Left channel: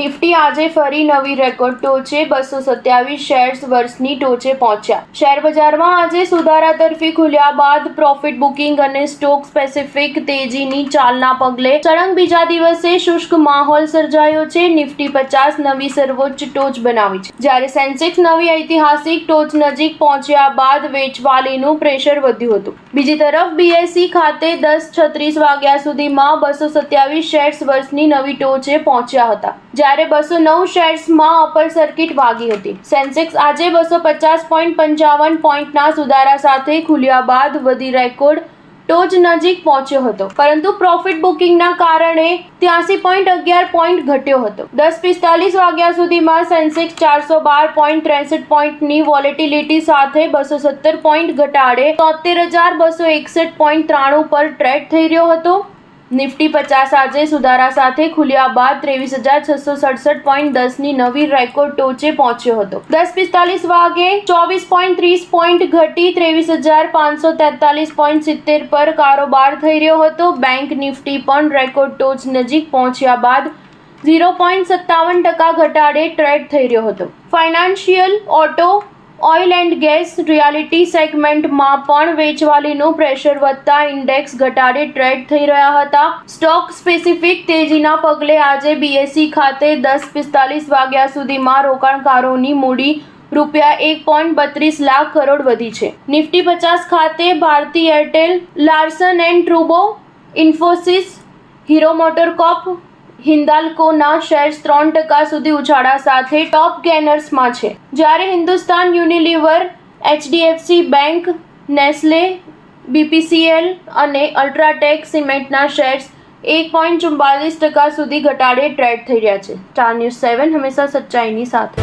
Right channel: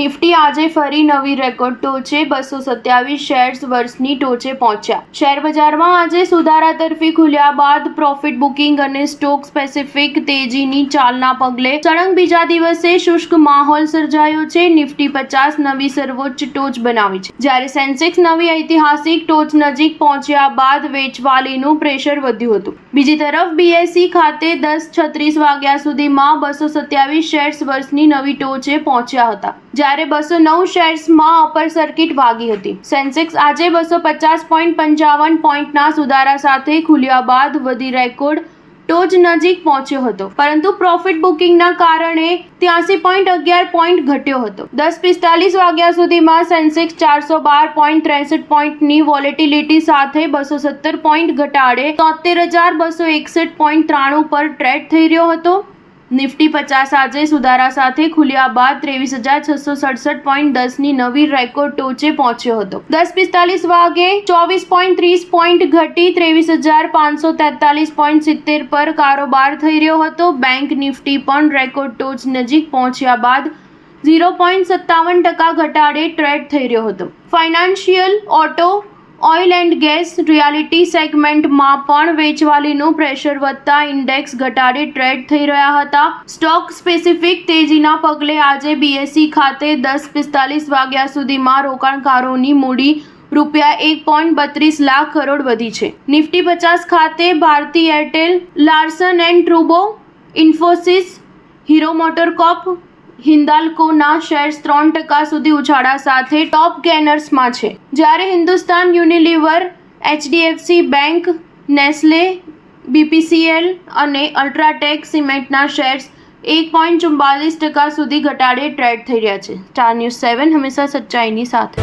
Nifty આજે ફરી નવી રેકોર્ડ ટોચે 227 શેર્સ વર્ષની ટોચે પહોંચ્યા. શેર બજારમાં આજે સુધારા તરફી ખુલ્યા બાદ પ્રોફિટ બુકિંગ અને સ્ટોક સ્પેસિફિક તેજીની ચાલના પગલે સળંગ બીજા દિવસે શુષ્ક માહોલ સર્જાયો છે. નિફ્ટી 50 નવી સર્વોચ્ચ ટોચ બનાવી છે, જ્યારે સેન્સેક્સ નવી ઐતિહાસિક ટોચ નજીક પહોંચ્યા બાદ વેચવાલીનું પ્રેશર વધ્યું હતું. બીજી તરફ બીએસઈ ખાતે 10:36 વાગ્યા સુધીમાં 227 શેર્સ વર્ષની નવી ટોચે પહોંચ્યા હતા, જ્યારે 209 શેર્સમાં અપર સર્કિટ વાગી હતી. સેન્સેક્સ આજે 250.55 પોઈન્ટના સુધારા સાથે ખુલ્યા બાદ વધી રેકોર્ડ ટોચ નજીક પહોંચ્યો હતો, પરંતુ પ્રોફિટ બુકિંગના કારણે 83.11 પોઈન્ટ ઘટ્યો હતો. 10:45 વાગ્યા સુધીમાં સેન્સેક્સ 412.63 પોઈન્ટની વોલેટિલિટી સાથે 217 પોઈન્ટ ઘટાડે 73,261.93 પર ટ્રેડ થઈ રહ્યો હતો. નિફ્ટી 50 આજે સુધારા સાથે ખુલ્યા બાદ 23,667.10ની નવી રેકોર્ડ ટોચે પહોંચ્યો હતો. 10:45 વાગે 24.30 પોઈન્ટ ઘટી 23,543.70 પર કારોબાર થઈ રહ્યો હતો. બેંક નિફ્ટી પણ રેકોર્ડ ટોચ નજીક પહોંચ્યા બાદ 0.57% ઘટાડે ટ્રેડ થઈ રહ્યો હતો. Financial, auto, oil and gas, reality સેગમેન્ટમાં પણ વેચવાલીનું પ્રેશર વધતા ઇન્ડેક્સ ઘટાડે ટ્રેડ થઈ રહ્યા હતા. સ્ટોક સ્પેસિફિક તેજીના પગલે આજે બીએસઈ ખાતે 10:45 વાગ્યા સુધીમાં રોકાણકારોની મૂડી ₹1.32 લાખ કરોડ વધી છે. નિફ્ટી 50 ખાતે ભારતી એરટેલ, લાર્સન એન્ડ ટ્રુબો, ઇન્ફોસિસ, હીરો મોટરકોર્પ, હિન્દાલ્કોના શેર્સ 3% સુધી ઉછાળા સાથે ટોપ ગેનર્સમાં છે, જ્યારે Hindustan Unilever, HDFC bank, Nestle, BPCL અને અલ્ટ્રાટેક સિમેન્ટના શેર્સ 1.44% સુધી ઘટાડે ટ્રેડ થઈ રહ્યા છે. સ્ટાર ન્યૂઝ 7 હંમેશા સચ્ચાઈની સાથે.